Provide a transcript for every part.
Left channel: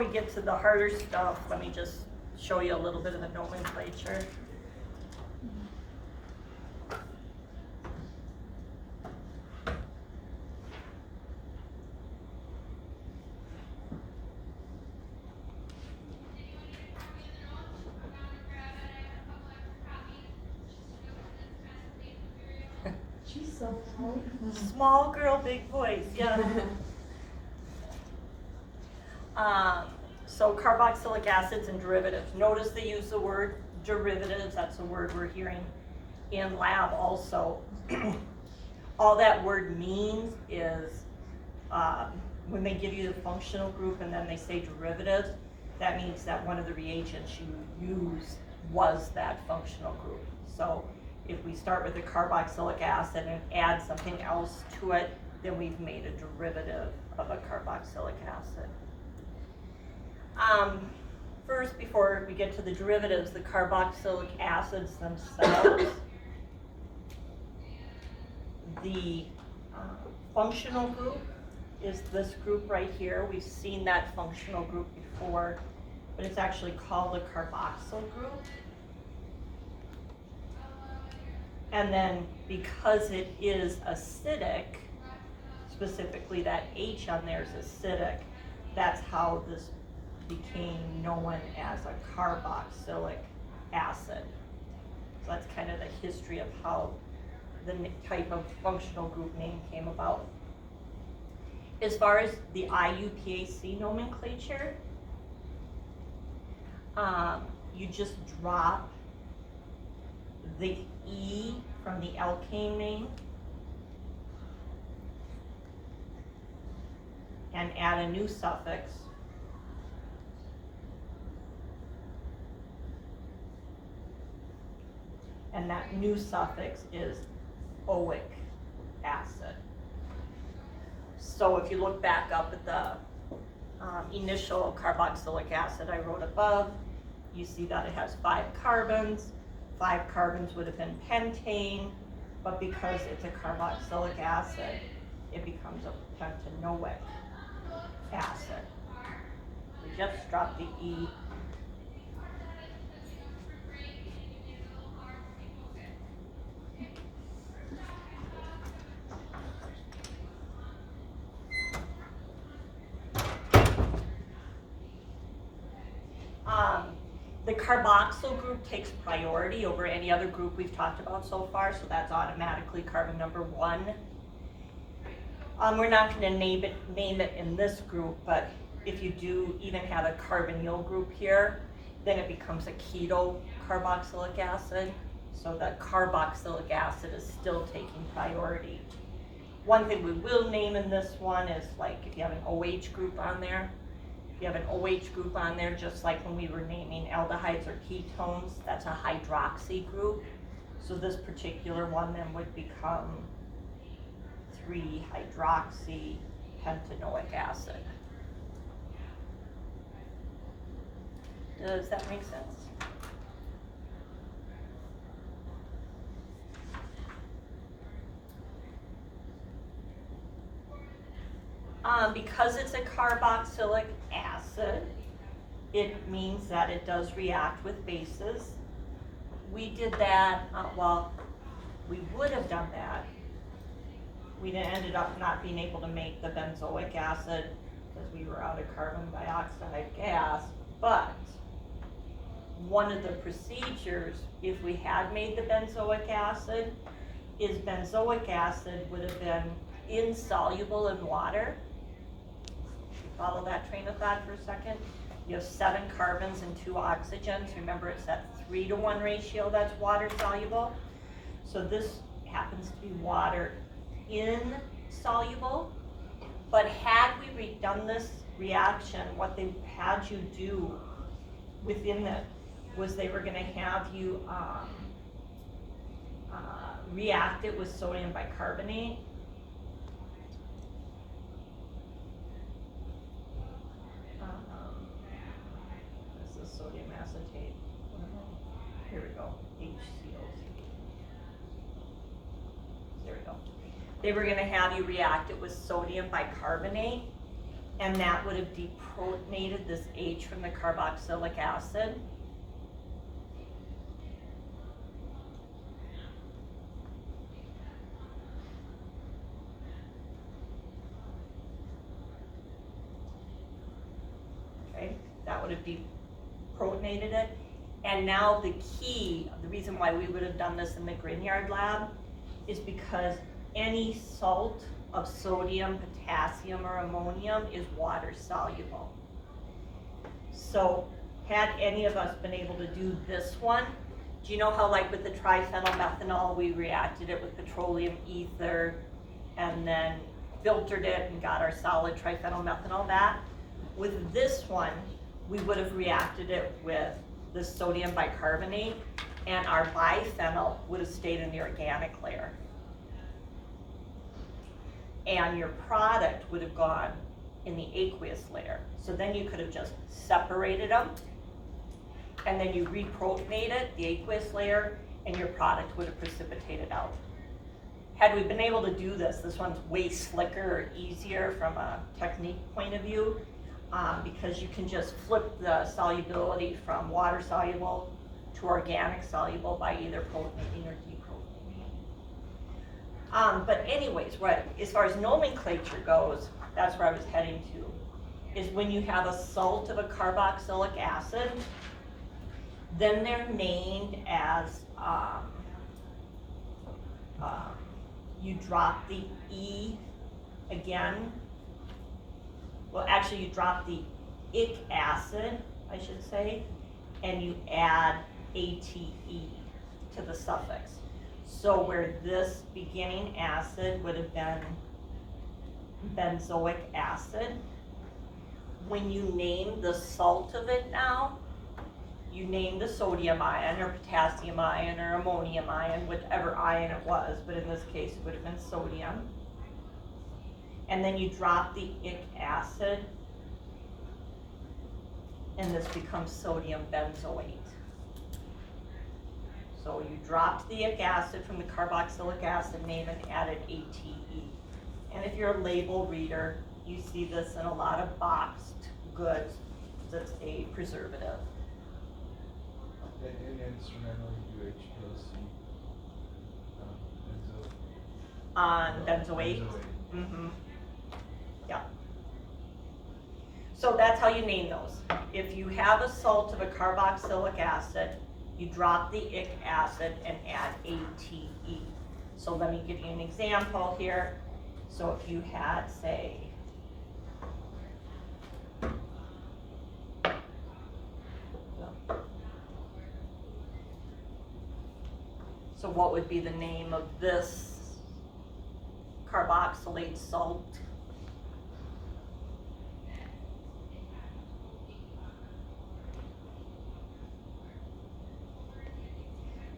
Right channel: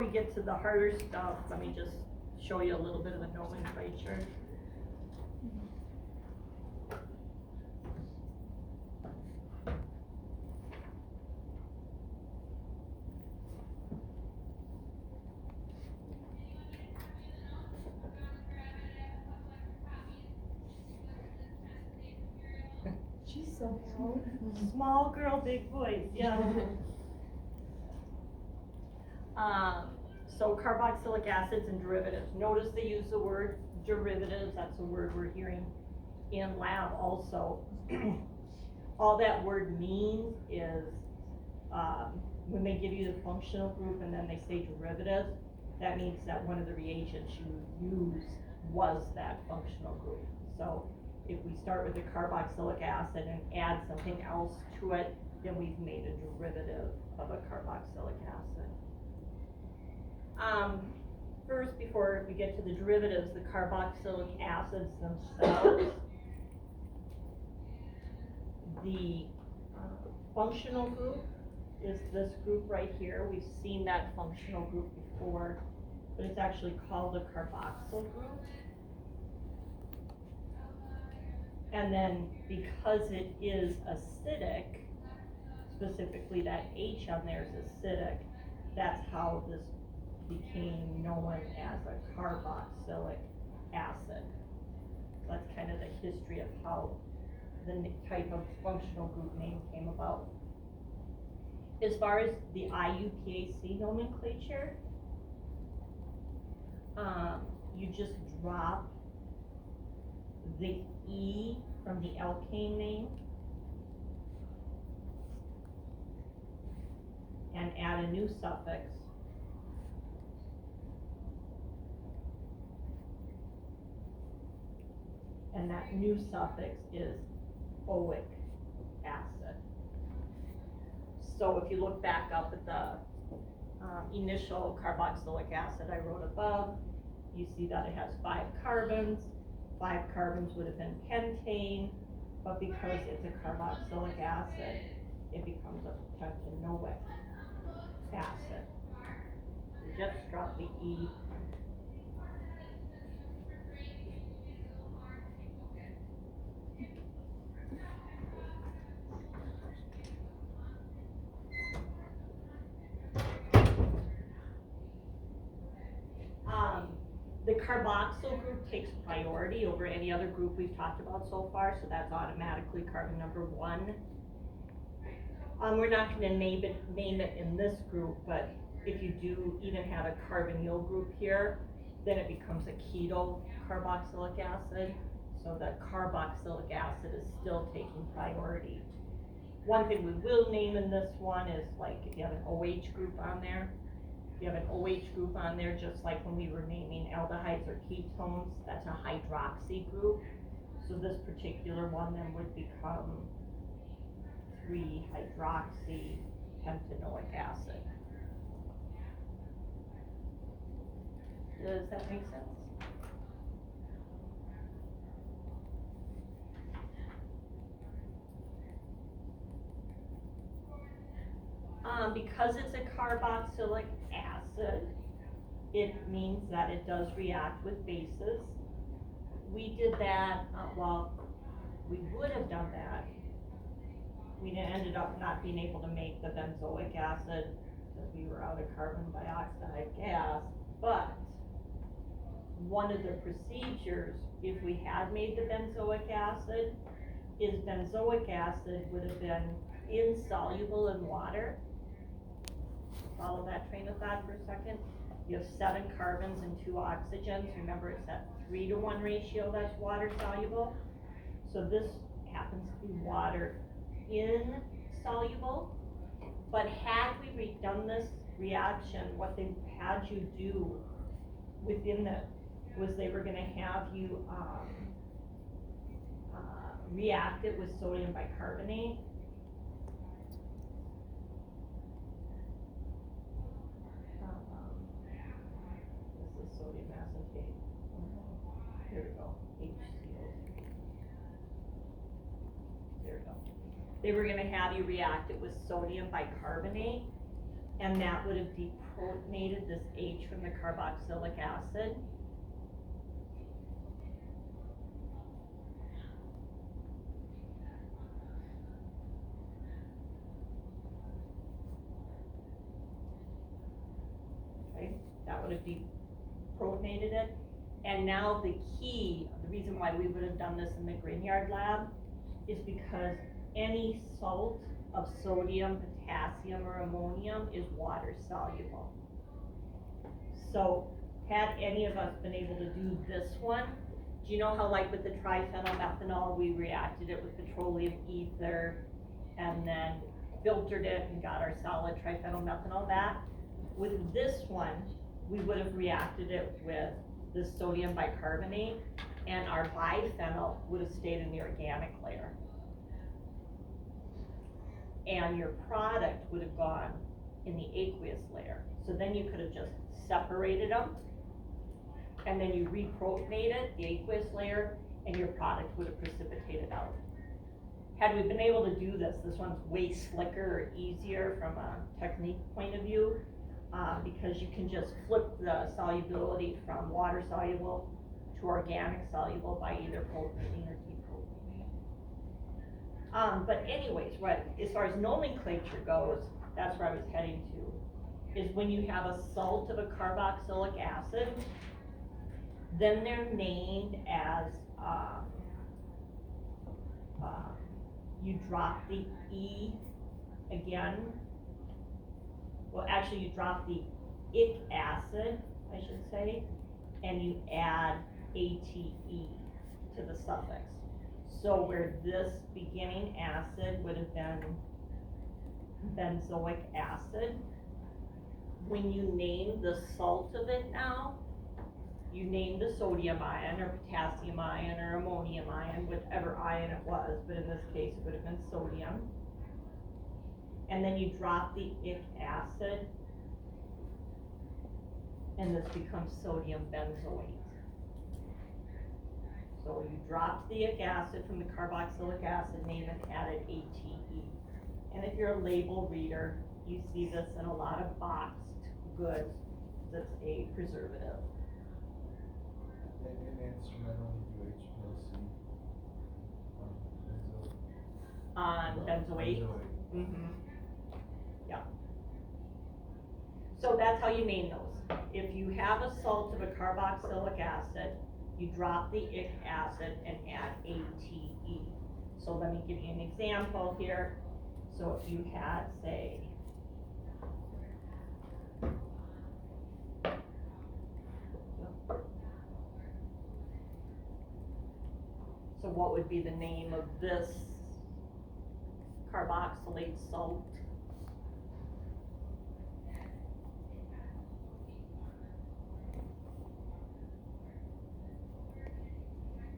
we get to the harder stuff, let me just show you a little bit of the nomenclature. She's so cool. Small girl, big voice, yeah. So carboxylic acids and derivatives. Notice they use the word derivatives, that's a word we're hearing in lab also. All that word means is, when they give you the functional group and then they say derivatives, that means that one of the reagents you used was that functional group. So if we start with a carboxylic acid and add something else to it, then we've made a derivative of a carboxylic acid. First, before we get to the derivatives, the carboxylic acids themselves, the functional group is this group right here. We've seen that functional group before, but it's actually called a carboxyl group. And then because it is acidic, specifically that H on there is acidic, that's how this became known as a carboxylic acid. So that's kind of the history of how the type of functional group name came about. As far as the IUPAC nomenclature, you just drop the E from the alkane name and add a new suffix. And that new suffix is oic acid. So if you look back up at the initial carboxylic acid I wrote above, you see that it has 5 carbons. 5 carbons would have been pentane, but because it's a carboxylic acid, it becomes a pentanoic acid. You just drop the E. The carboxyl group takes priority over any other group we've talked about so far, so that's automatically carbon number 1. We're not going to name it in this group, but if you do even have a carbonyl group here, then it becomes a keto carboxylic acid. So the carboxylic acid is still taking priority. One thing we will name in this one is, like, if you have an OH group on there, if you have an OH group on there, just like when we were naming aldehydes or ketones, that's a hydroxy group. So this particular one then would become 3-hydroxy pentanoic acid. Does that make sense? Because it's a carboxylic acid, it means that it does react with bases. We did that, we would have done that. We ended up not being able to make the benzoic acid because we were out of carbon dioxide gas, but one of the procedures, if we had made the benzoic acid, is benzoic acid would have been insoluble in water. Follow that train of thought for a second. You have 7 carbons and 2 oxygens. Remember, it's that 3-to-1 ratio that's water soluble. So this happens to be water insoluble. But had we done this reaction, what they had you do within it was they were going to have you react it with sodium bicarbonate. This is sodium acetate. Here we go, HCO3. There we go. They were going to have you react it with sodium bicarbonate, and that would have deprotonated this H from the carboxylic acid. Okay, that would have deprotonated it. And now the key, the reason why we would have done this in the Grignard lab is because any salt of sodium, potassium, or ammonium is water soluble. So had any of us been able to do this one, do you know how like with the triphenylmethanol, we reacted it with petroleum ether and then filtered it and got our solid triphenylmethanol back? With this one, we would have reacted it with the sodium bicarbonate, and our biphenyl would have stayed in the organic layer. And your product would have gone in the aqueous layer. So then you could have just separated them, and then you reprotonated the aqueous layer, and your product would have precipitated out. Had we been able to do this, this one's way slicker or easier from a technique point of view, because you can just flip the solubility from water soluble to organic soluble by either protonating or deprotonating. But anyways, right, as far as nomenclature goes, that's where I was heading to, is when you have a salt of a carboxylic acid, then they're named as, you drop the E again. Well, actually, you drop the ic acid, I should say, and you add ATE to the suffix. So where this beginning acid would have been benzoic acid, when you name the salt of it now, you name the sodium ion or potassium ion or ammonium ion, whatever ion it was, but in this case it would have been sodium. And then you drop the ic acid, and this becomes sodium benzoate. So you dropped the ic acid from the carboxylic acid name and added ATE. And if you're a label reader, you see this in a lot of boxed goods, that's a preservative. And instrumentally UHPLC, On benzoate. benzoate. Mm-hmm. Yeah. So that's how you name those. If you have a salt of a carboxylic acid, you drop the ic acid and add ATE. So let me give you an example here. So if you had, say, so what would be the name of this carboxylate salt?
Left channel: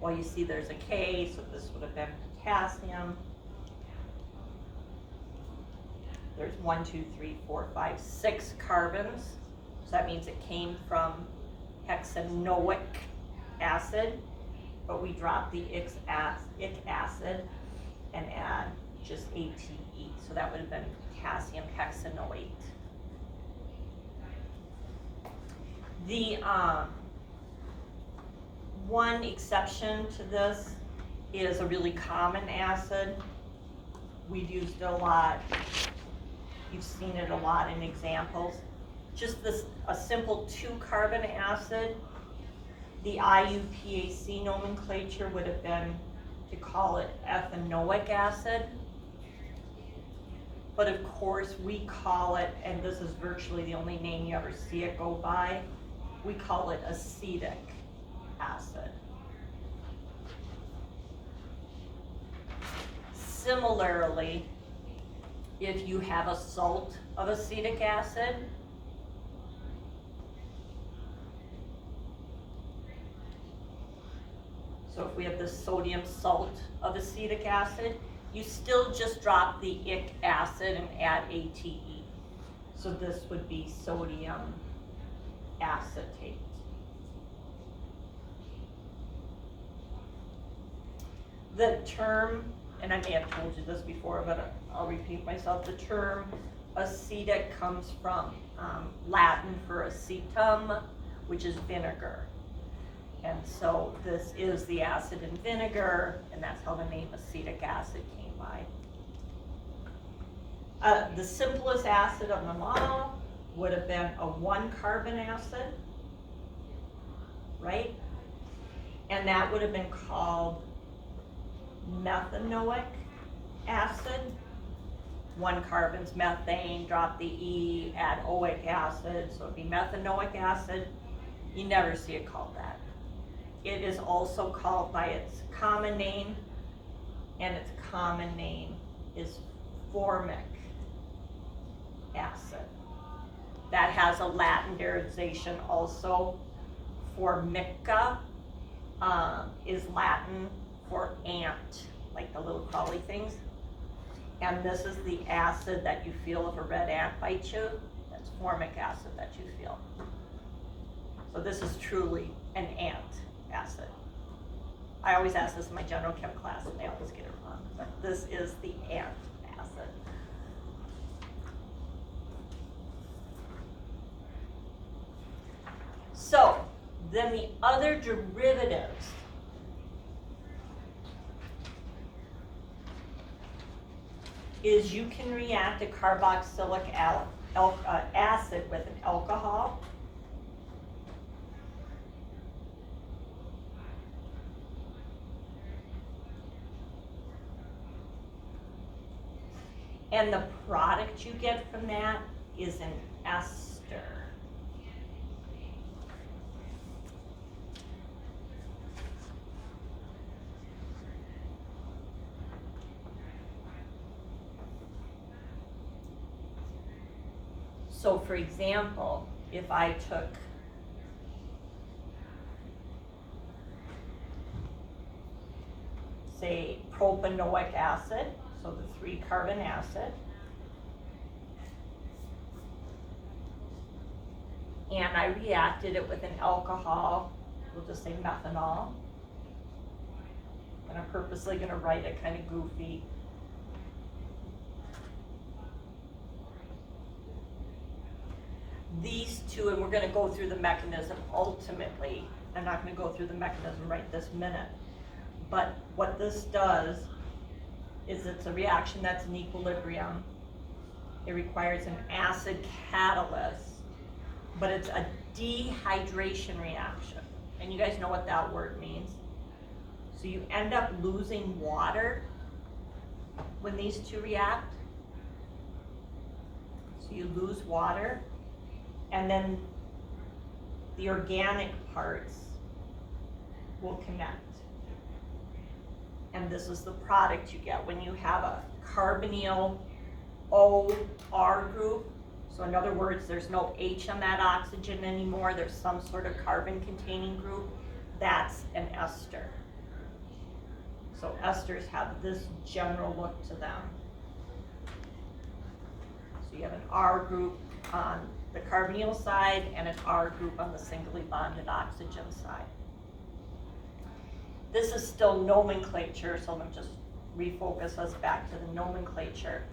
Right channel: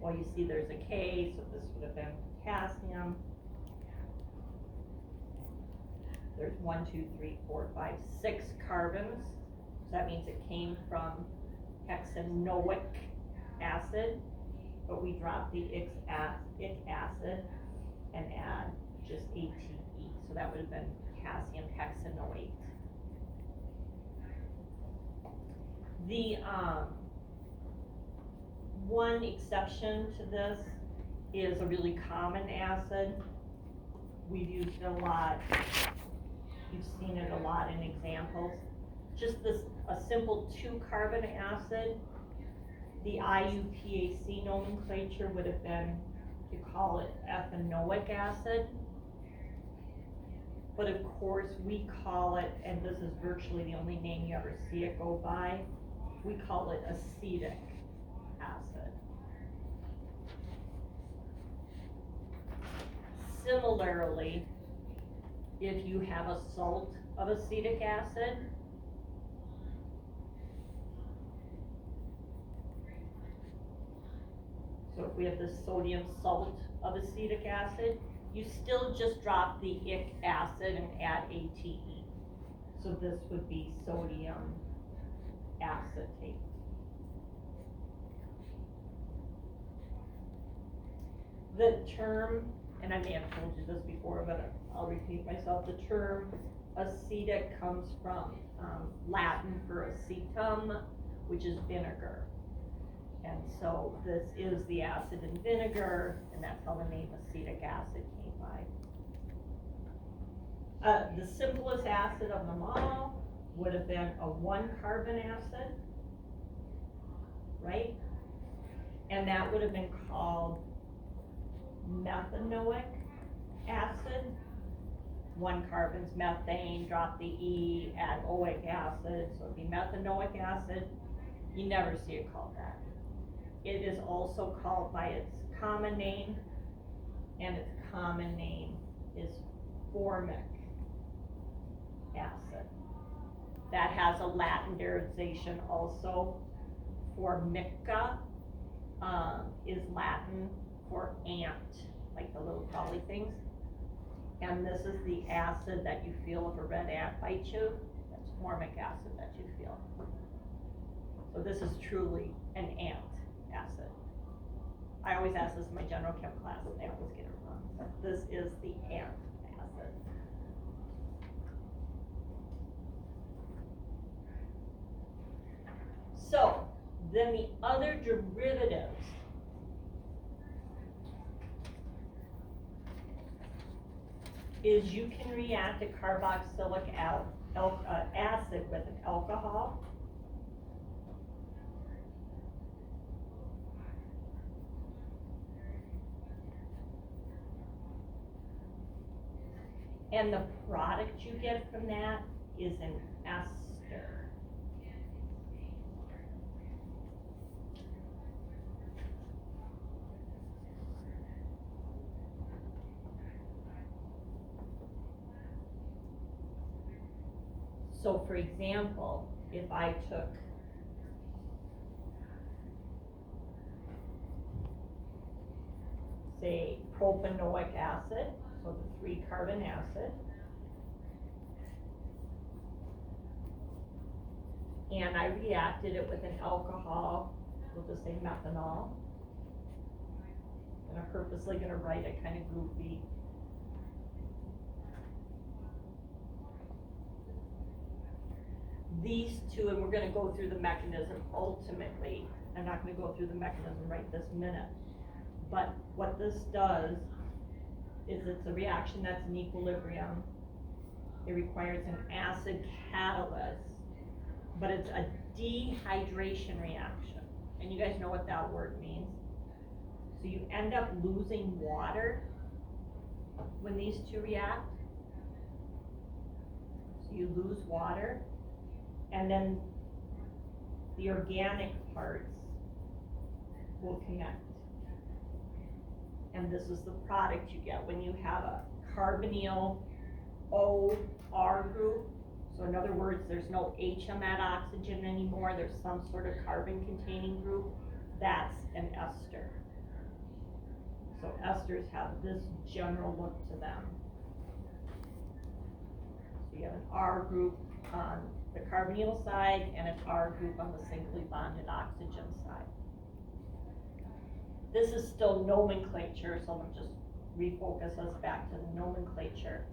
Well, you see there's a K, so this would have been potassium. There's 1, 2, 3, 4, 5, 6 carbons. So that means it came from hexanoic acid, but we drop the ic acid and add just ATE. So that would have been potassium hexanoate. The one exception to this is a really common acid. We've used it a lot. You've seen it a lot in examples. Just this, a simple 2-carbon acid. The IUPAC nomenclature would have been to call it ethanoic acid. But of course we call it, and this is virtually the only name you ever see it go by, we call it acetic acid. Similarly, if you have a salt of acetic acid, so if we have the sodium salt of acetic acid, you still just drop the ic acid and add ATE. So this would be sodium acetate. The term, and I may have told you this before, but I'll repeat myself, the term acetic comes from Latin for acetum, which is vinegar. And so this is the acid in vinegar, and that's how the name acetic acid came by. The simplest acid of them all would have been a 1-carbon acid, right? And that would have been called methanoic acid. 1 carbon's methane, drop the E, add oic acid, so it'd be methanoic acid. You never see it called that. It is also called by its common name, and its common name is formic acid. That has a Latin derivation also. Formica is Latin for ant, like the little crawly things. And this is the acid that you feel if a red ant bites you. That's formic acid that you feel. So this is truly an ant acid. I always ask this in my general chem class, and they always get it wrong. But this is the ant acid. So, then the other derivatives is you can react a carboxylic acid with an alcohol. And the product you get from that is an ester. So for example, if I took say propanoic acid, so the 3-carbon acid, and I reacted it with an alcohol, we'll just say methanol, and I'm purposely going to write it kind of goofy. These two, and we're going to go through the mechanism ultimately. I'm not going to go through the mechanism right this minute. But what this does is it's a reaction that's in equilibrium. It requires an acid catalyst, but it's a dehydration reaction. And you guys know what that word means. So you end up losing water when these two react. So you lose water, and then the organic parts will connect. And this is the product you get when you have a carbonyl OR group. So in other words, there's no H on that oxygen anymore. There's some sort of carbon containing group. That's an ester. So esters have this general look to them. So you have an R group on the carbonyl side and an R group on the singly bonded oxygen side. This is still nomenclature, so I'm going to just refocus us back to the nomenclature.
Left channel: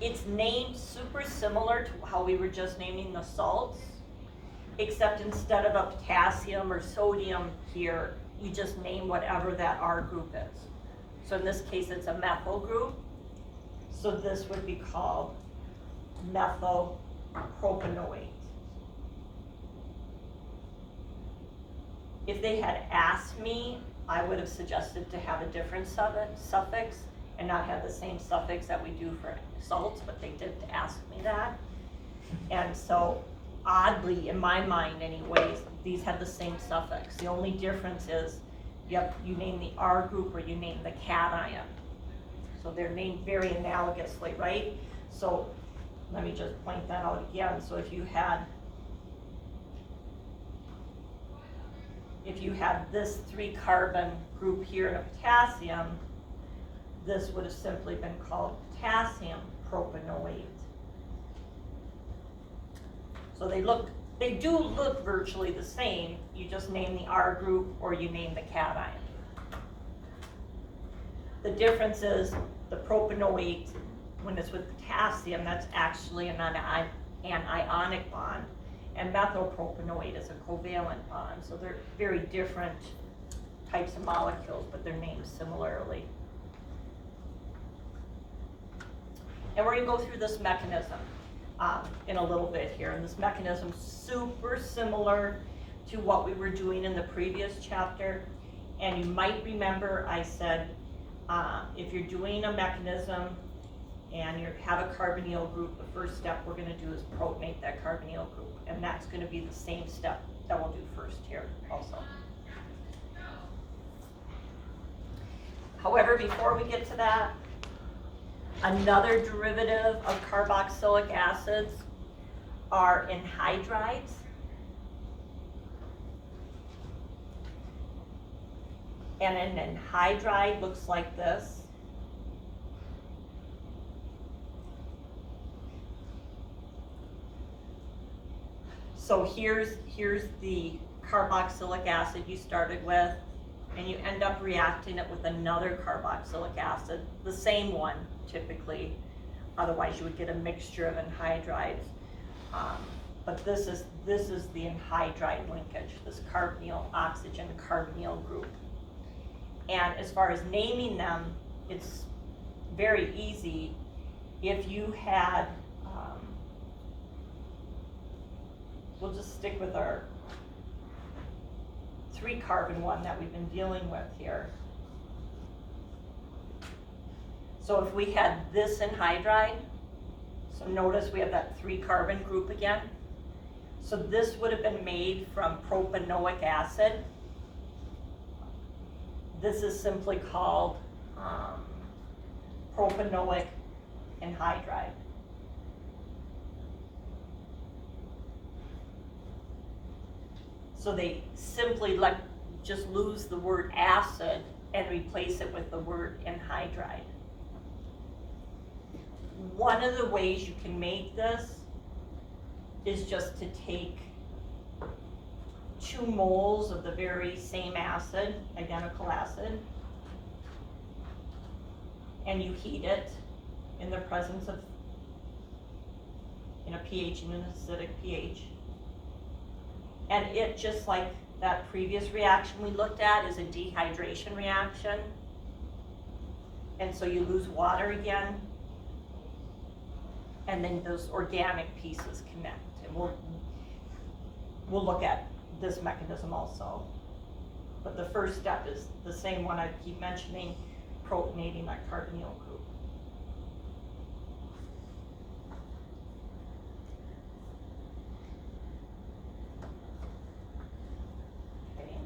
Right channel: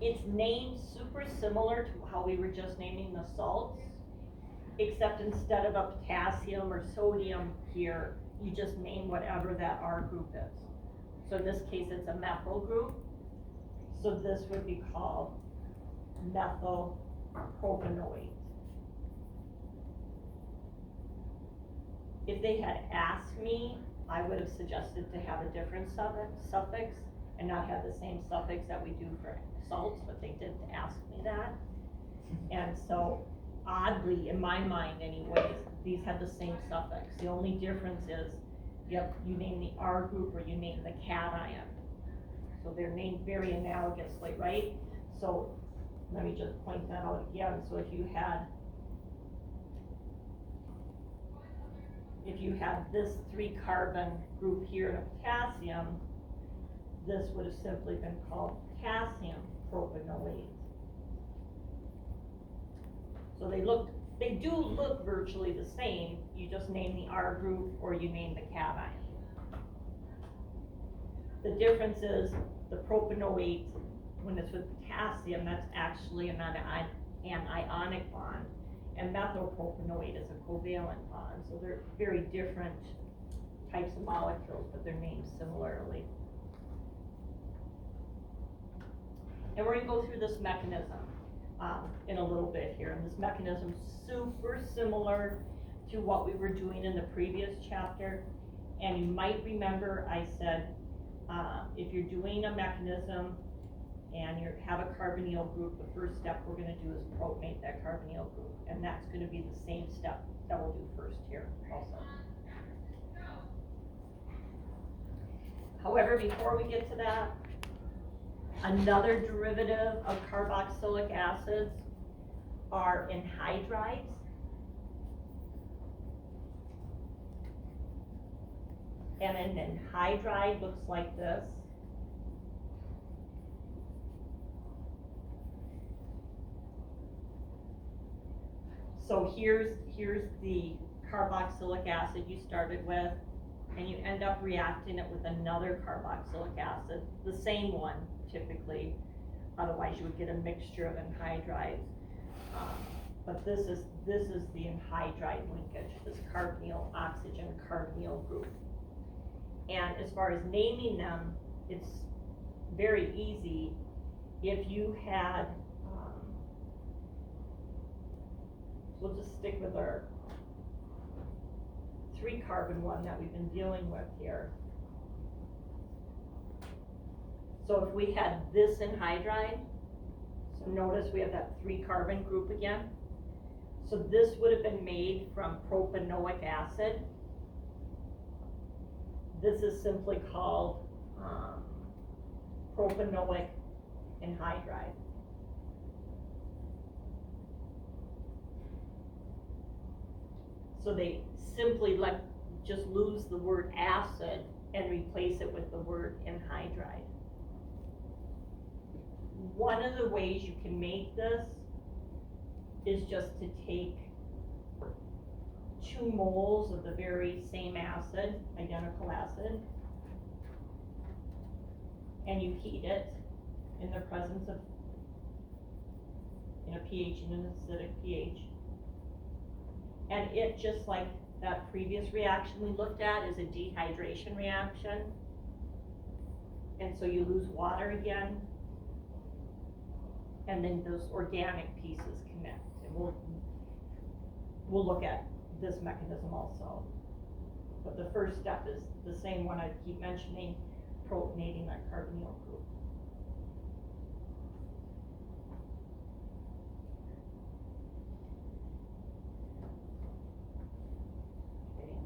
It's named super similar to how we were just naming the salts, except instead of a potassium or sodium here, you just name whatever that R group is. So in this case, it's a methyl group. So this would be called methylpropanoate. If they had asked me, I would have suggested to have a different suffix and not have the same suffix that we do for salts, but they did ask me that. And so oddly, in my mind anyways, these have the same suffix. The only difference is you name the R group or you name the cation. So they're named very analogously, right? So let me just point that out again. So if you had this 3-carbon group here and a potassium, this would have simply been called potassium propanoate. So they do look virtually the same. You just name the R group or you name the cation. The difference is the propanoate when it's with potassium, that's actually an ionic bond, and methylpropanoate is a covalent bond. So they're very different types of molecules, but they're named similarly. And we're gonna go through this mechanism in a little bit here, and this mechanism super similar to what we were doing in the previous chapter. And you might remember I said, if you're doing a mechanism and you have a carbonyl group, the first step we're gonna do is protonate that carbonyl group, and that's gonna be the same step that we'll do first here also. However, before we get to that, another derivative of carboxylic acids are anhydrides. And an anhydride looks like this. So here's the carboxylic acid you started with, and you end up reacting it with another carboxylic acid, the same one typically, otherwise you would get a mixture of anhydrides. But this is the anhydride linkage, this carbonyl oxygen carbonyl group. And as far as naming them, it's very easy. If you had, we'll just stick with our 3-carbon one that we've been dealing with here. So if we had this anhydride, so notice we have that 3-carbon group again. So this would have been made from propanoic acid. This is simply called propanoic anhydride. So they simply just lose the word acid and replace it with the word anhydride. One of the ways you can make this is just to take 2 moles of the very same acid, identical acid, and you heat it in the presence of, in a pH, in an acidic pH. And it, just like that previous reaction we looked at, is a dehydration reaction. And so you lose water again, and then those organic pieces connect. And we'll look at this mechanism also. But the first step is the same one I keep mentioning, protonating that carbonyl group. Okay.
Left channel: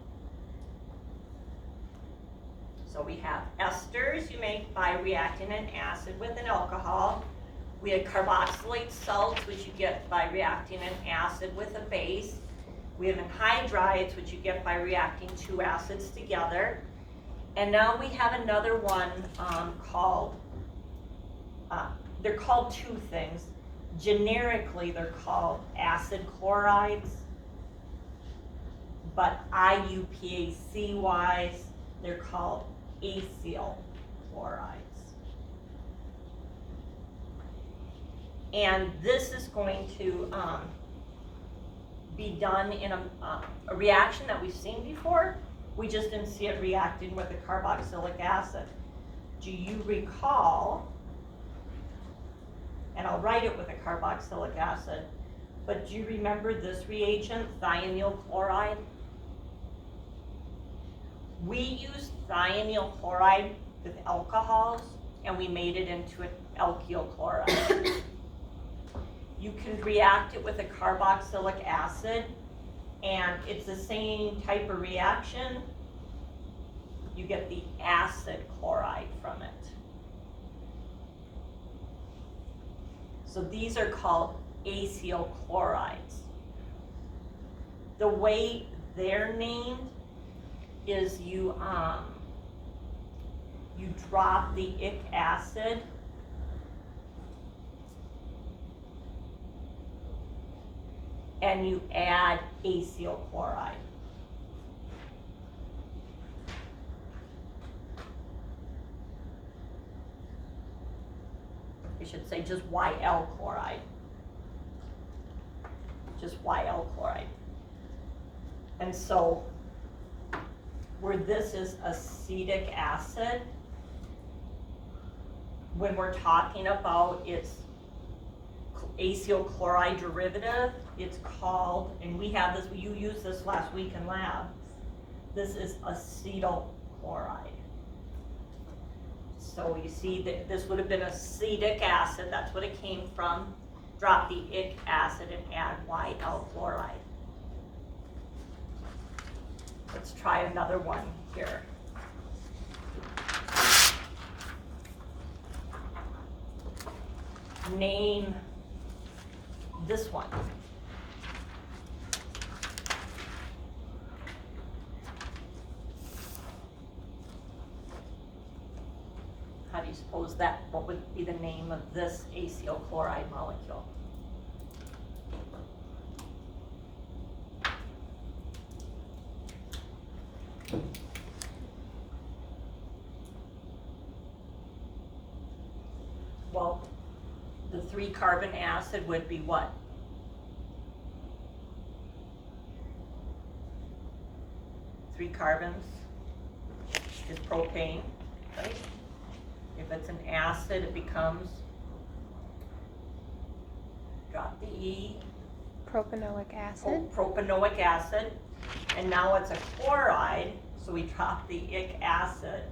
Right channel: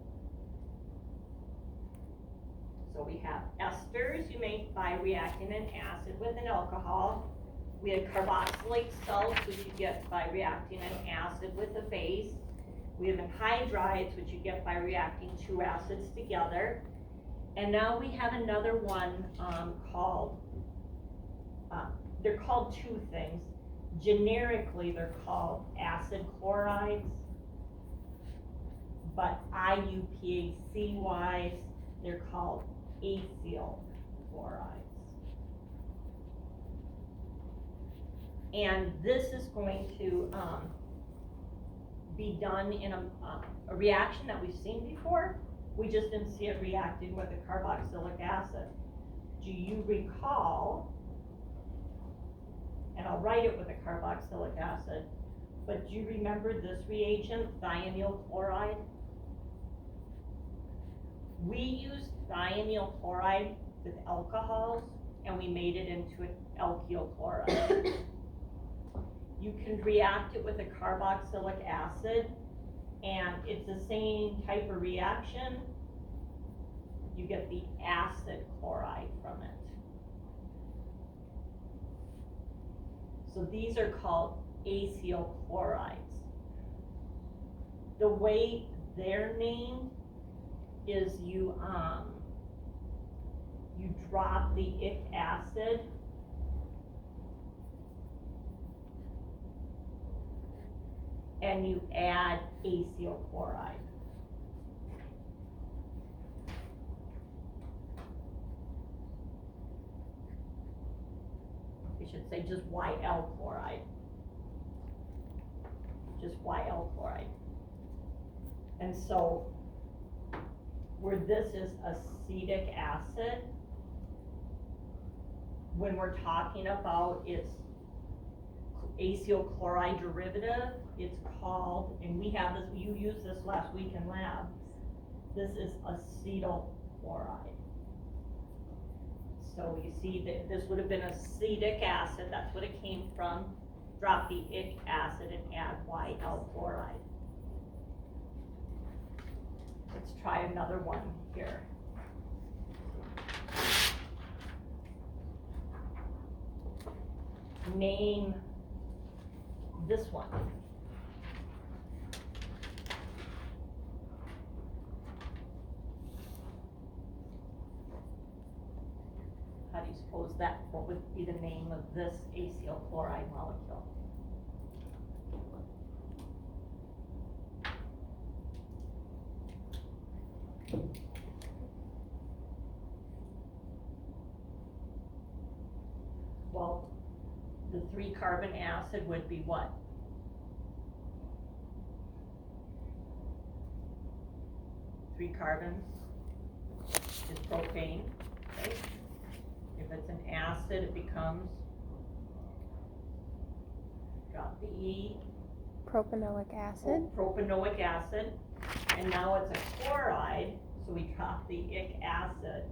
So we have esters you make by reacting an acid with an alcohol. We have carboxylate salts, which you get by reacting an acid with a base. We have anhydrides, which you get by reacting 2 acids together. And now we have another one called, they're called 2 things. Generically, they're called acid chlorides, but IUPAC-wise, they're called acyl chlorides. And this is going to be done in a reaction that we've seen before. We just didn't see it reacting with a carboxylic acid. Do you recall, and I'll write it with a carboxylic acid, but do you remember this reagent, thionyl chloride? We used thionyl chloride with alcohols, and we made it into an alkyl chloride. You can react it with a carboxylic acid, and it's the same type of reaction. You get the acid chloride from it. So these are called acyl chlorides. The way they're named is you drop the ic acid and you add acyl chloride. I should say just YL chloride. Just YL chloride. And so, where this is acetic acid, when we're talking about its acyl chloride derivative, it's called, and we have this, you used this last week in lab, this is acetyl chloride. So you see that this would have been acetic acid, that's what it came from. Drop the ic acid and add YL chloride. Let's try another one here. Name this one. How do you suppose that, what would be the name of this acyl chloride molecule? Well, the 3-carbon acid would be what? Three carbons is propane, right? If it's an acid, it becomes, drop the E. Propanoic acid. Propanoic acid. And now it's a chloride, so we drop the ic acid,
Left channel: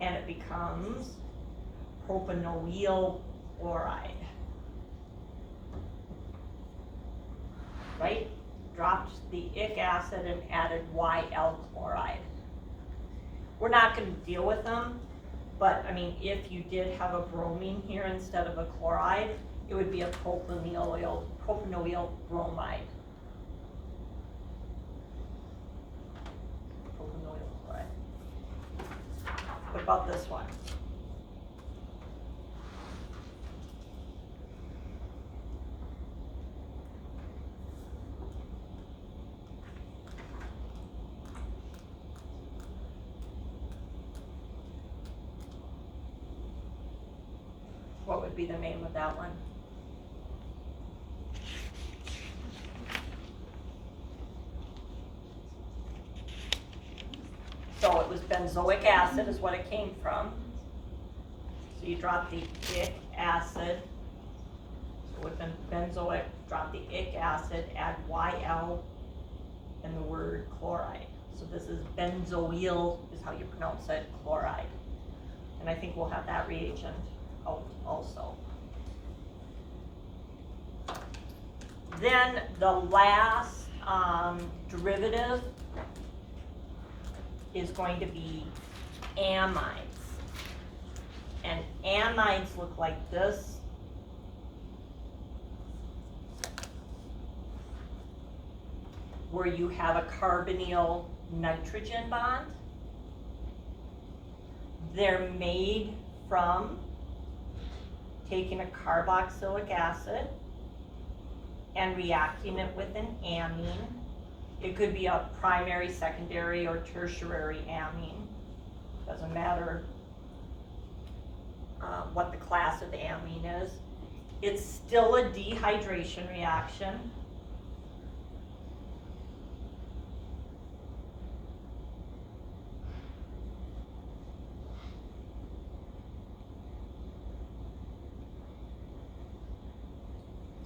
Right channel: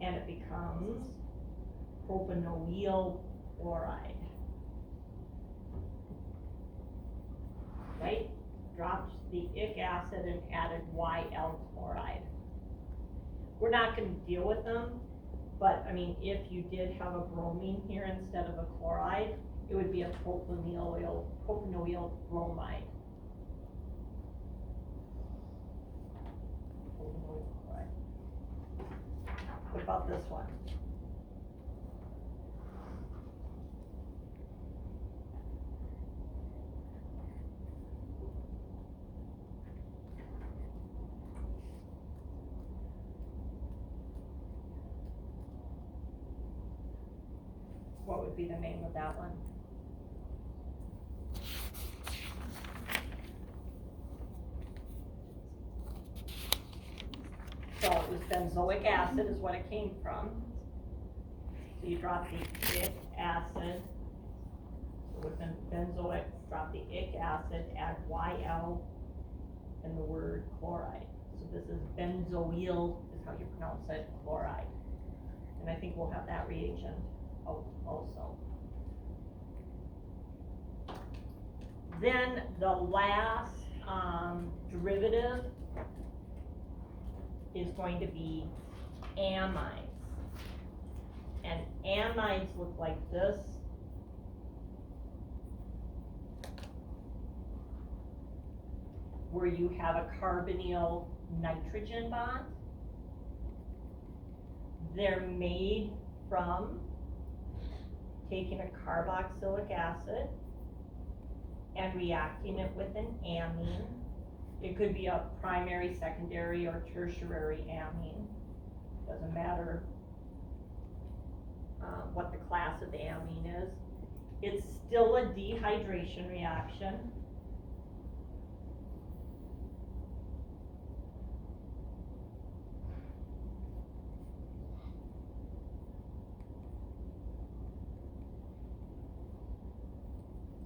and it becomes propanoyl chloride. Right? Dropped the ic acid and added YL chloride. We're not going to deal with them, but I mean, if you did have a bromine here instead of a chloride, it would be a propanoyl bromide. Propanoyl chloride. What about this one? What would be the name of that one? So it was benzoic acid is what it came from. So you drop the ic acid, so it would have been benzoic, drop the ic acid, add YL and the word chloride. So this is benzoyl is how you pronounce it, chloride. And I think we'll have that reagent out also. Then the last derivative is going to be amides. And amides look like this. Where you have a carbonyl nitrogen bond. They're made from taking a carboxylic acid and reacting it with an amine. It could be a primary, secondary, or tertiary amine. Doesn't matter what the class of the amine is. It's still a dehydration reaction.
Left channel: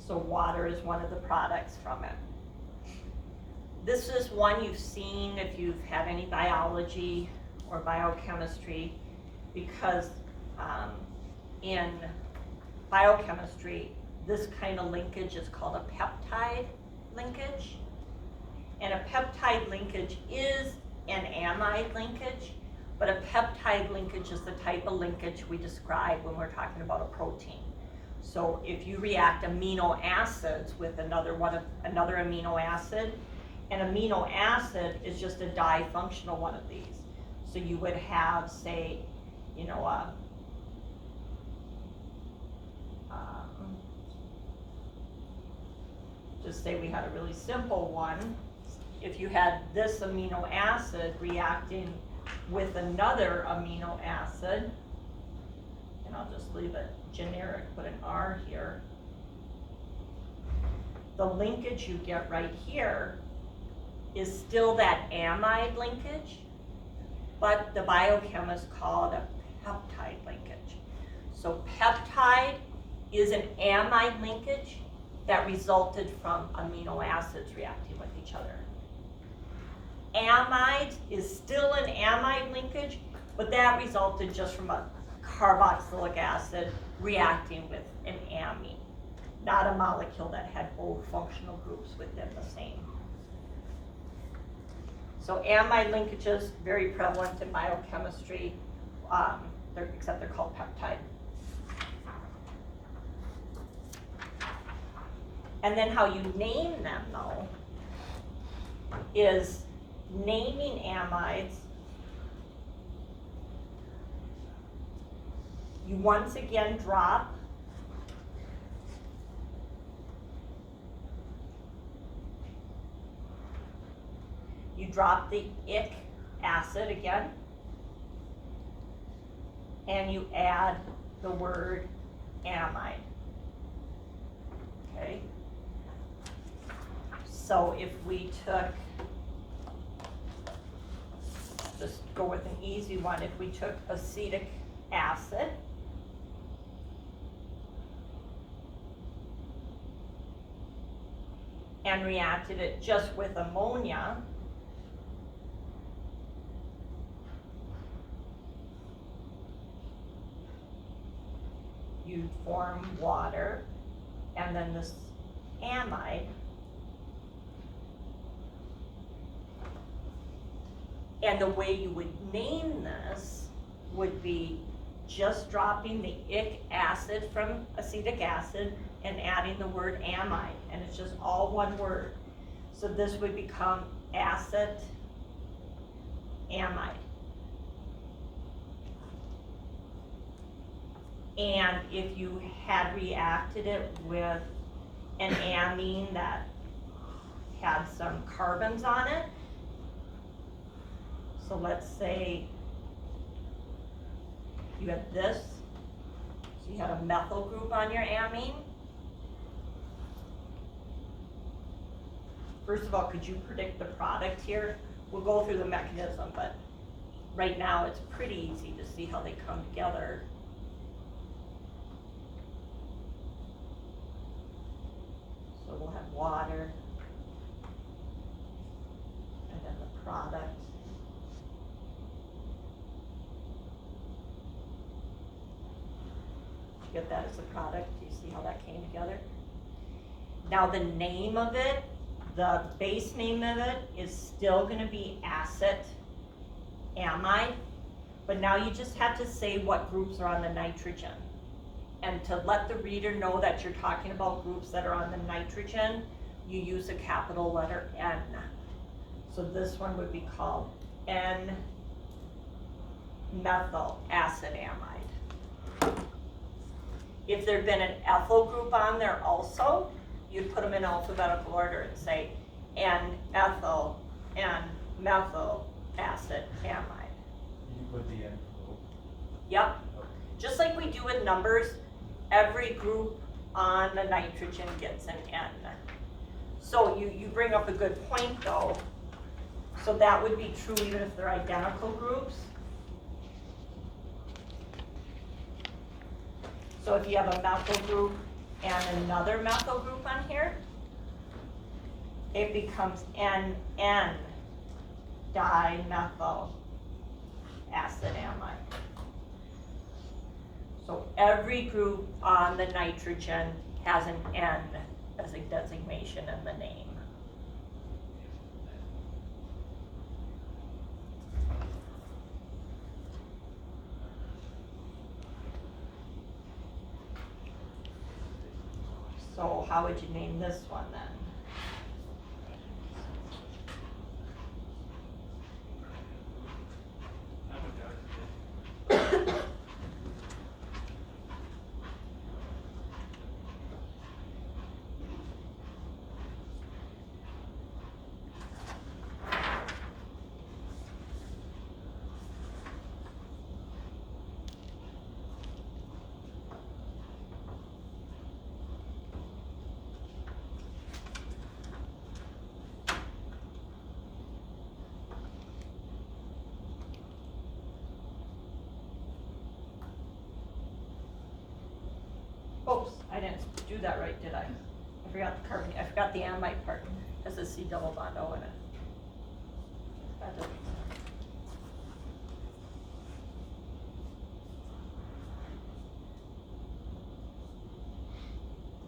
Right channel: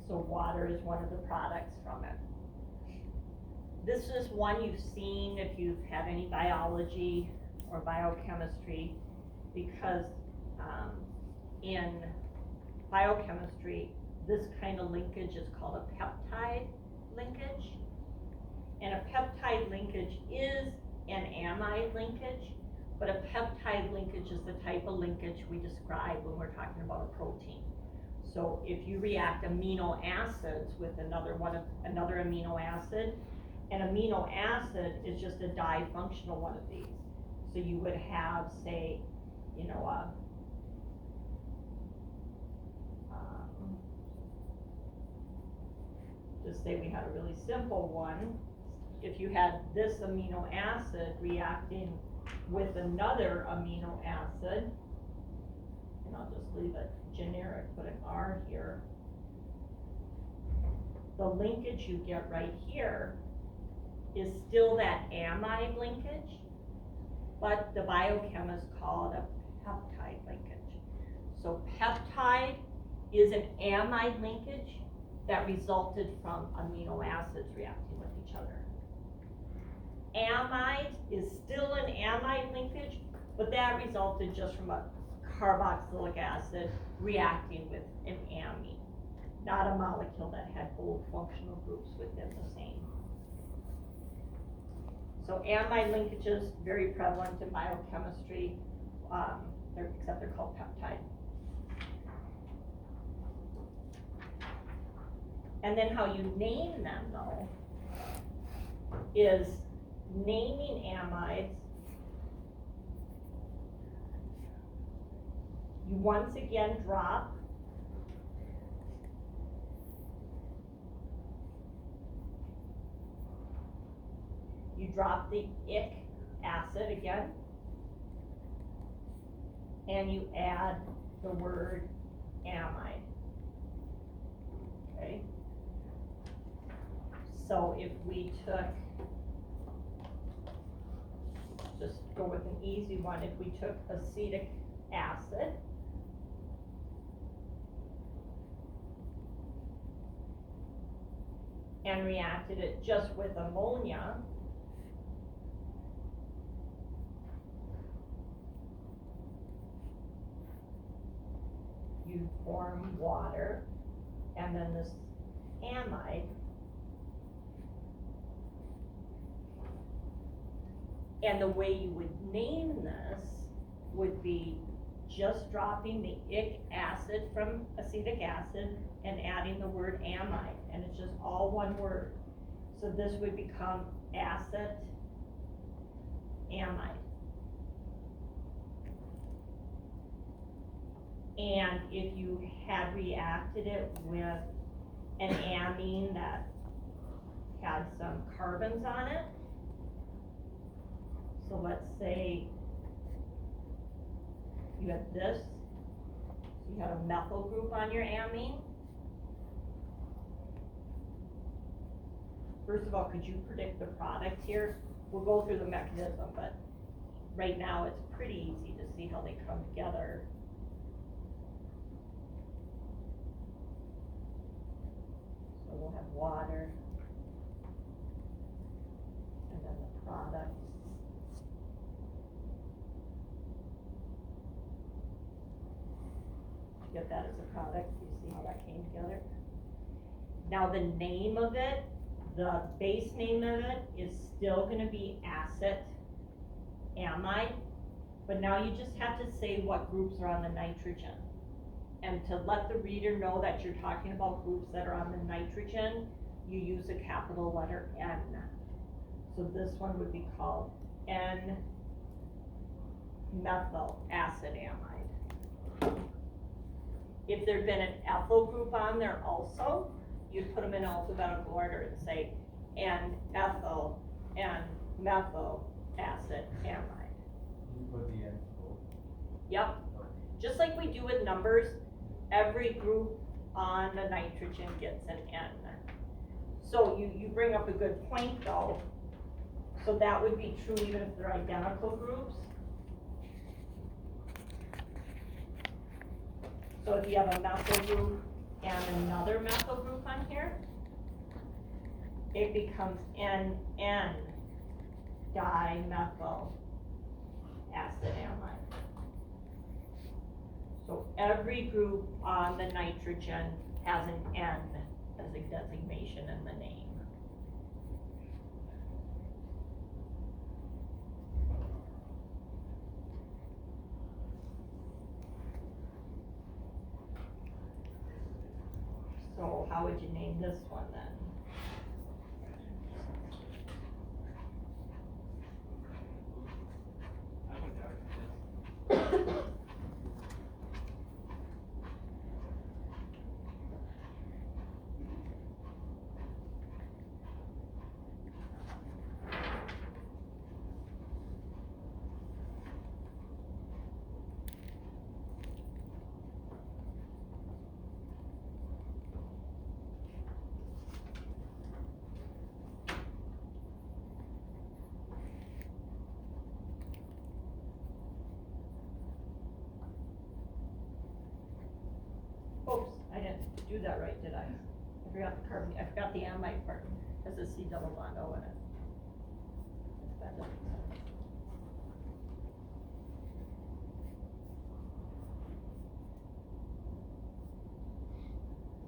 So water is one of the products from it. This is one you've seen if you've had any biology or biochemistry, because in biochemistry, this kind of linkage is called a peptide linkage. And a peptide linkage is an amide linkage, but a peptide linkage is the type of linkage we describe when we're talking about a protein. So if you react amino acids with another amino acid, an amino acid is just a difunctional one of these. So you would have, say, you know, just say we had a really simple one. If you had this amino acid reacting with another amino acid, and I'll just leave it generic, put an R here. The linkage you get right here is still that amide linkage, but the biochemists call it a peptide linkage. So peptide is an amide linkage that resulted from amino acids reacting with each other. Amide is still an amide linkage, but that resulted just from a carboxylic acid reacting with an amine, not a molecule that had both functional groups within the same. So amide linkages, very prevalent in biochemistry, except they're called peptide. And then how you name them, though, is naming amides. You once again drop the ic acid again, and you add the word amide. Okay? So if we took, just go with an easy one, if we took acetic acid, and reacted it just with ammonia, you'd form water, and then this amide. And the way you would name this would be just dropping the ic acid from acetic acid and adding the word amide, and it's just all one word. So this would become acid amide. And if you had reacted it with an amine that had some carbons on it, so let's say you have this, so you have a methyl group on your amine. First of all, could you predict the product here? We'll go through the mechanism, but right now it's pretty easy to see how they come together. So we'll have water, and then the product. Did you get that as a product? Do you see how that came together? Now the name of it, the base name of it is still gonna be acet amide, but now you just have to say what groups are on the nitrogen. And to let the reader know that you're talking about groups that are on the nitrogen, you use a capital letter N. So this one would be called N-methyl acid amide. If there'd been an ethyl group on there also, you'd put them in alphabetical order and say N-ethyl, N-methyl acid amide. You put the N. Yep. Just like we do with numbers, every group on the nitrogen gets an N. So you bring up a good point though. So that would be true even if they're identical groups. So if you have a methyl group and another methyl group on here, it becomes NN dimethyl acid amide. So every group on the nitrogen has an N as a designation in the name. So how would you name this one then? do that right, did I? I forgot the carbon, I forgot the amide part, has a C double bond O in it. That doesn't matter.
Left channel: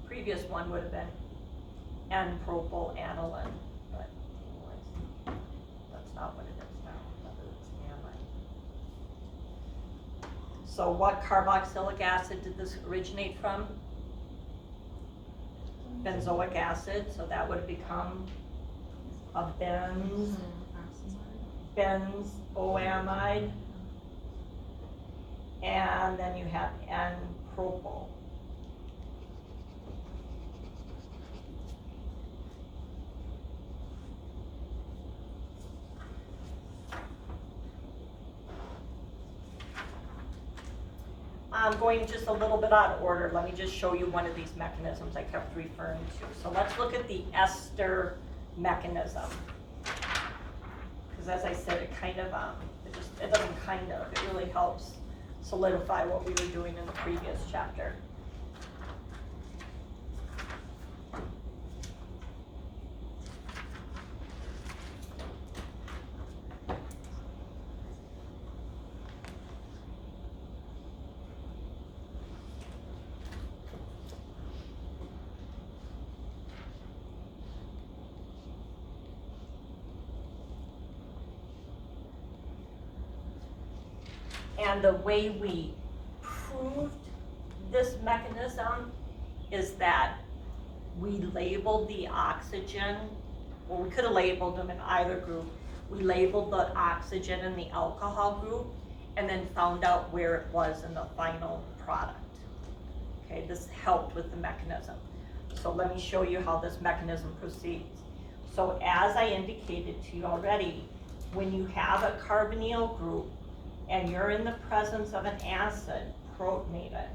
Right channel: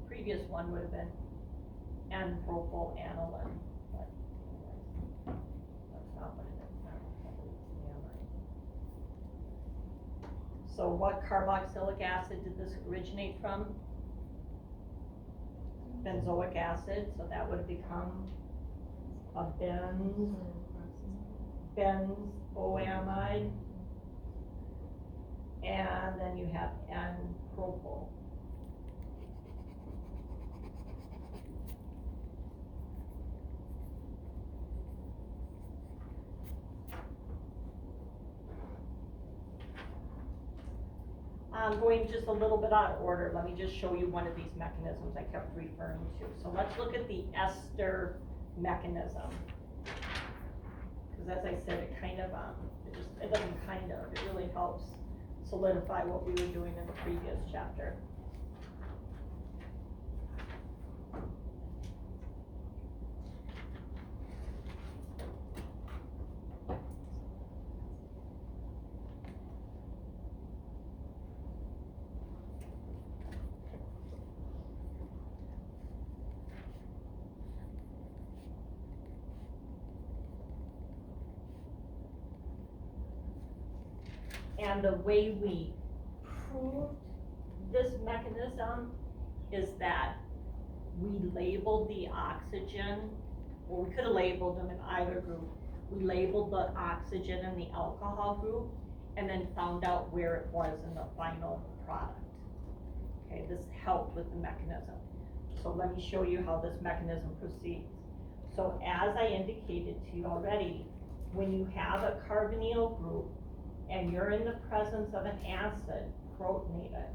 Previous one would have been N-propyl aniline, but that's not what it is now, it's amide. So what carboxylic acid did this originate from? Benzoic acid, so that would have become a benzoamide. And then you have N-propyl. I'm going just a little bit out of order. Let me just show you one of these mechanisms I kept referring to. So let's look at the ester mechanism. Because as I said, it kind of, it doesn't kind of, it really helps solidify what we were doing in the previous chapter. And the way we proved this mechanism is that we labeled the oxygen, well, we could have labeled them in either group. We labeled the oxygen in the alcohol group and then found out where it was in the final product. Okay, this helped with the mechanism. So let me show you how this mechanism proceeds. So as I indicated to you already, when you have a carbonyl group and you're in the presence of an acid, protonate it.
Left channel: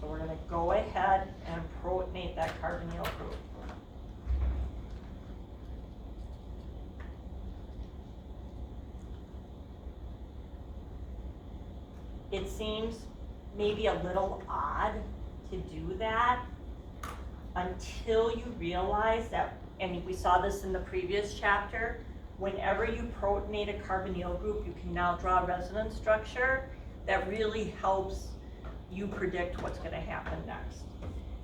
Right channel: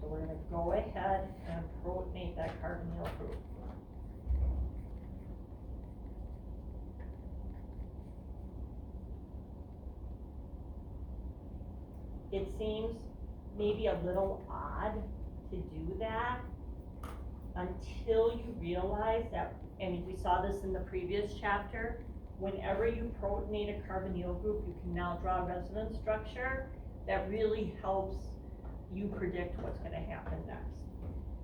So we're gonna go ahead and protonate that carbonyl group. It seems maybe a little odd to do that until you realize that, and we saw this in the previous chapter, whenever you protonate a carbonyl group, you can now draw a resonance structure that really helps you predict what's gonna happen next.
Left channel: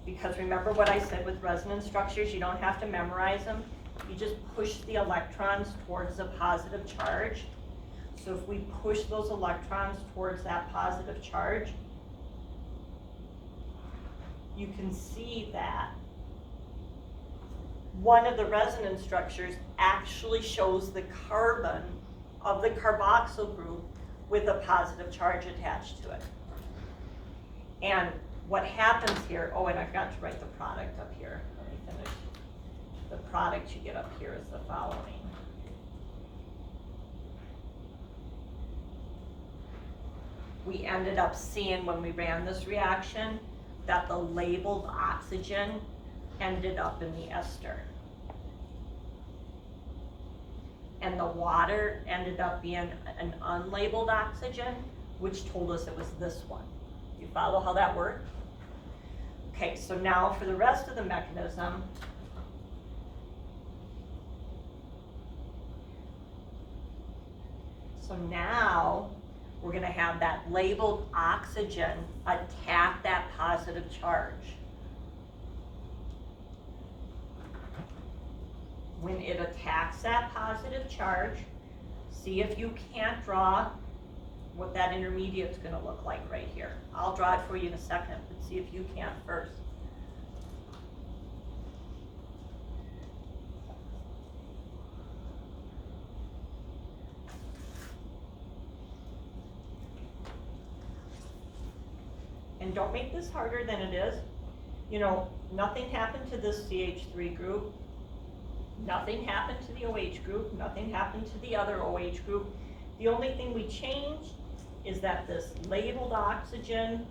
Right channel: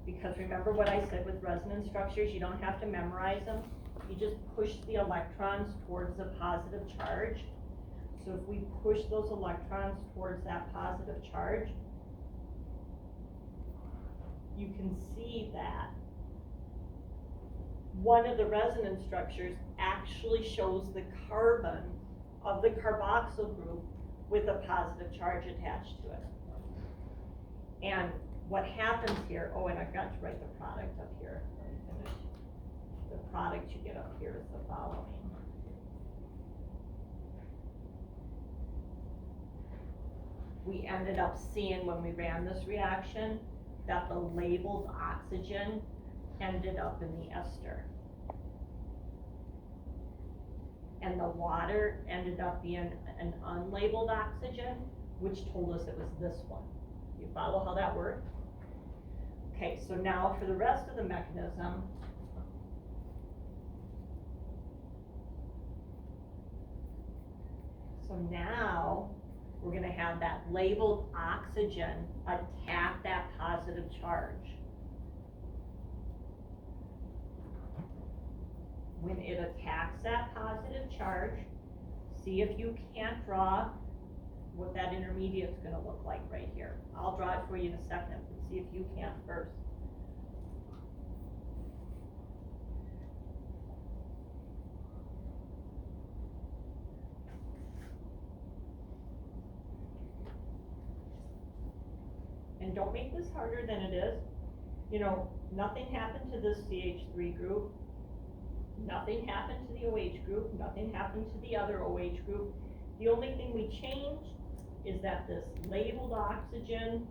Because remember what I said with resonance structures, you don't have to memorize them. You just push the electrons towards a positive charge. So if we push those electrons towards that positive charge, you can see that one of the resonance structures actually shows the carbon of the carboxyl group with a positive charge attached to it. And what happens here, oh, and I forgot to write the product up here. Let me finish. The product you get up here is the following. We ended up seeing when we ran this reaction that the labeled oxygen ended up in the ester. And the water ended up being an unlabeled oxygen, which told us it was this one. You follow how that worked? Okay, so now for the rest of the mechanism, so now we're gonna have that labeled oxygen attack that positive charge. When it attacks that positive charge, see if you can't draw what that intermediate's gonna look like right here. I'll draw it for you in a second, but see if you can first. And don't make this harder than it is. You know, nothing happened to this CH3 group. Nothing happened to the OH group. Nothing happened to the other OH group. The only thing we changed is that this labeled oxygen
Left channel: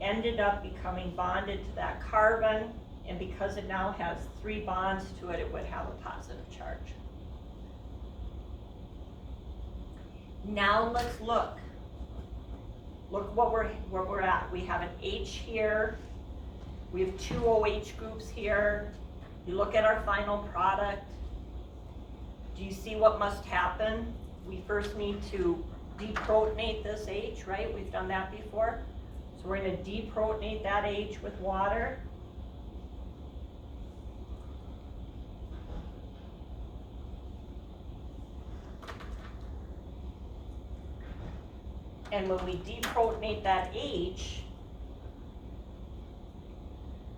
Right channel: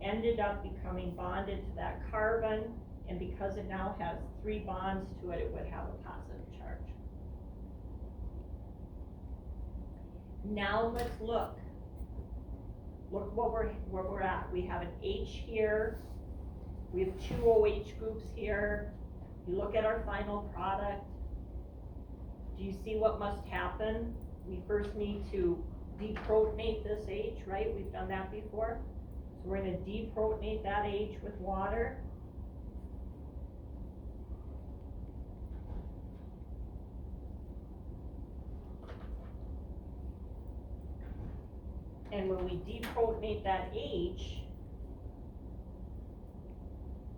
ended up becoming bonded to that carbon, and because it now has 3 bonds to it, it would have a positive charge. Now let's look. look where we're at. We have an H here, we have two OH groups here. You look at our final product. Do you see what must happen? We first need to deprotonate this H, right? We've done that before. So we're gonna deprotonate that H with water. And when we deprotonate that H,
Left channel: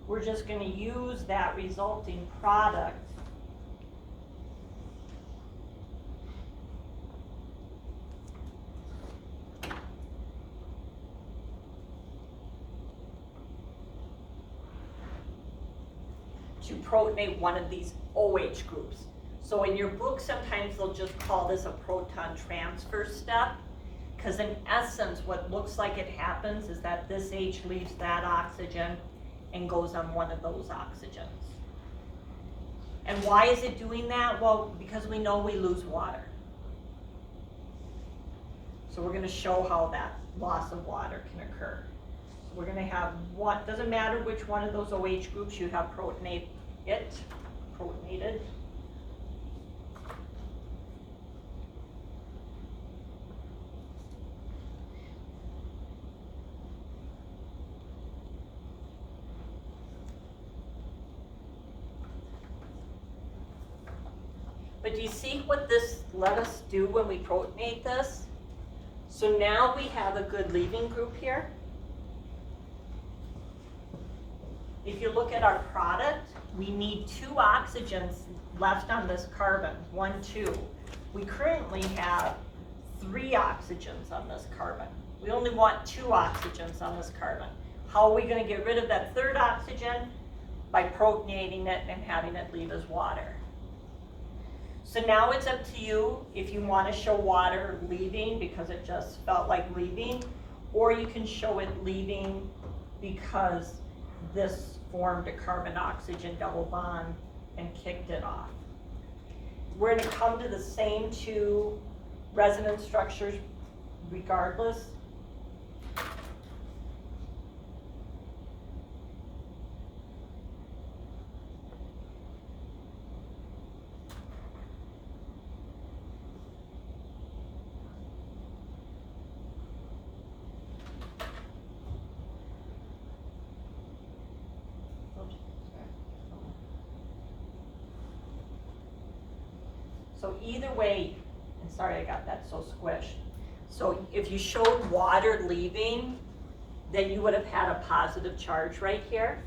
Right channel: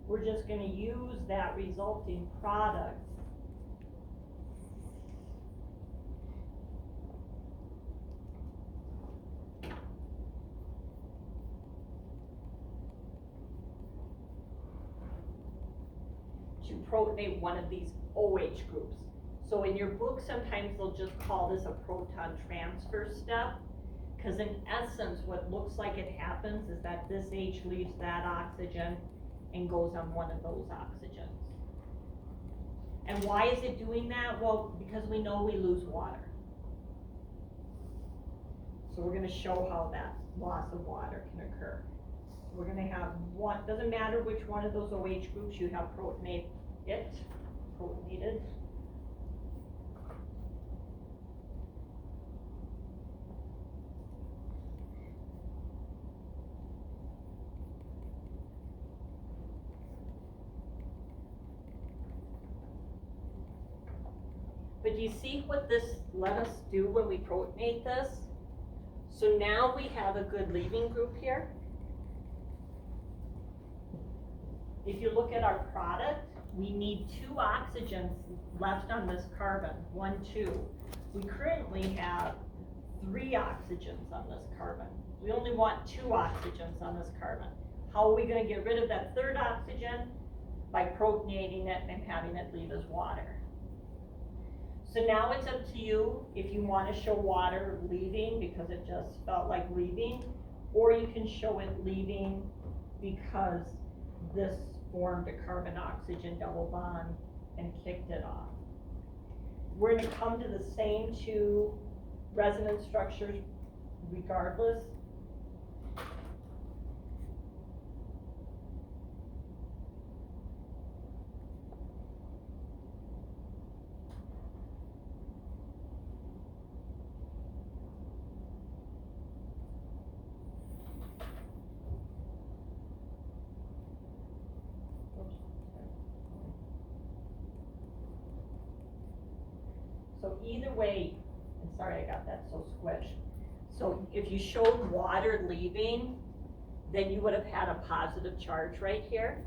we're just gonna use that resulting product to protonate one of these OH groups. So in your book, sometimes they'll just call this a proton transfer step, because in essence, what looks like it happens is that this H leaves that oxygen and goes on one of those oxygens. And why is it doing that? Well, because we know we lose water. So we're gonna show how that loss of water can occur. So we're gonna have one, doesn't matter which one of those OH groups you have protonated. But do you see what this let us do when we protonate this? So now we have a good leaving group here. If you look at our product, we need 2 oxygens left on this carbon, 1, 2. We currently have 3 oxygens on this carbon. We only want 2 oxygens on this carbon. How are we gonna get rid of that 3rd oxygen? By protonating it and having it leave as water. So now it's up to you if you want to show water leaving because it just felt like leaving, or you can show it leaving because this formed a carbon-oxygen double bond and kicked it off. We're going to come to the same 2 resonance structures regardless. So either way, and sorry I got that so squished. So if you showed water leaving, then you would have had a positive charge right here.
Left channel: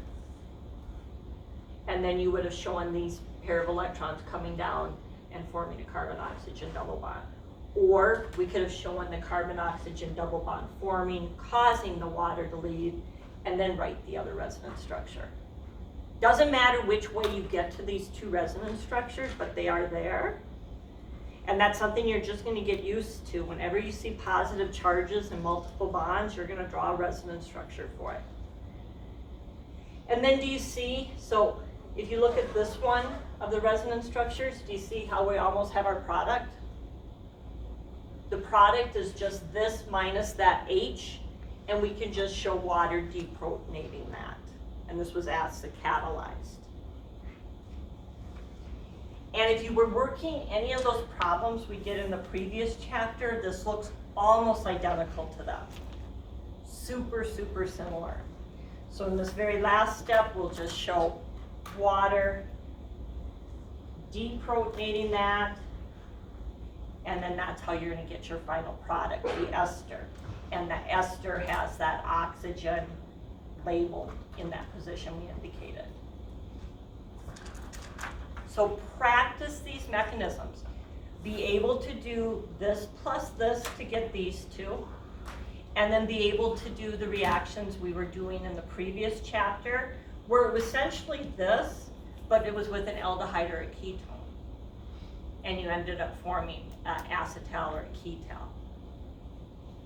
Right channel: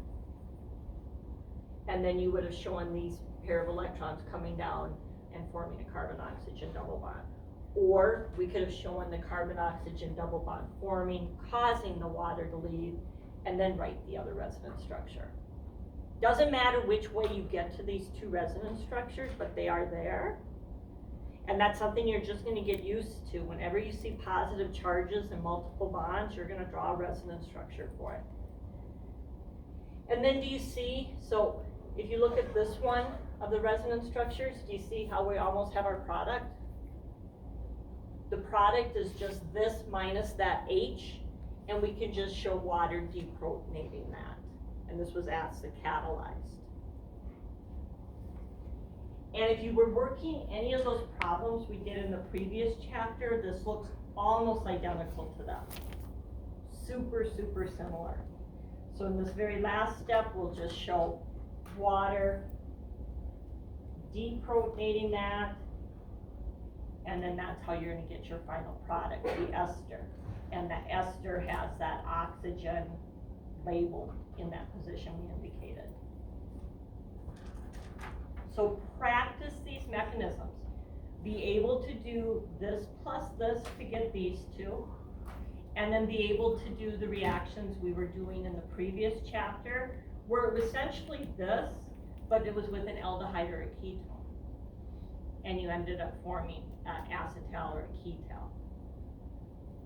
And then you would have shown these pair of electrons coming down and forming a carbon-oxygen double bond. Or we could have shown the carbon-oxygen double bond forming, causing the water to leave, and then write the other resonance structure. Doesn't matter which way you get to these 2 resonance structures, but they are there. And that's something you're just gonna get used to. Whenever you see positive charges and multiple bonds, you're gonna draw a resonance structure for it. And then do you see, so if you look at this one of the resonance structures, do you see how we almost have our product? The product is just this minus that H, and we can just show water deprotonating that. And this was acid catalyzed. And if you were working any of those problems we did in the previous chapter, this looks almost identical to them. Super, super similar. So in this very last step, we'll just show water, deprotonating that, and then that's how you're gonna get your final product, the ester. And the ester has that oxygen labeled in that position we indicated. So practice these mechanisms. Be able to do this plus this to get these 2, and then be able to do the reactions we were doing in the previous chapter, where it was essentially this, but it was with an aldehyde or a ketone. And you ended up forming acetal or a ketal.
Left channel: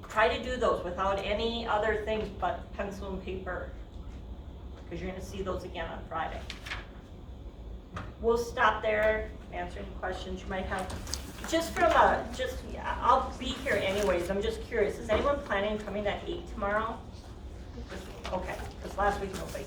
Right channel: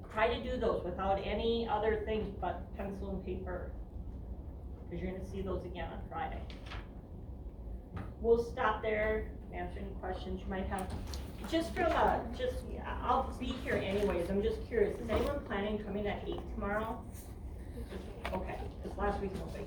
Try to do those without any other things but pencil and paper, because you're gonna see those again on Friday. we'll stop there, answer any questions you might have. Yeah, I'll be here anyways, I'm just curious, is anyone planning on coming at 8 tomorrow? Okay, because last week nobody.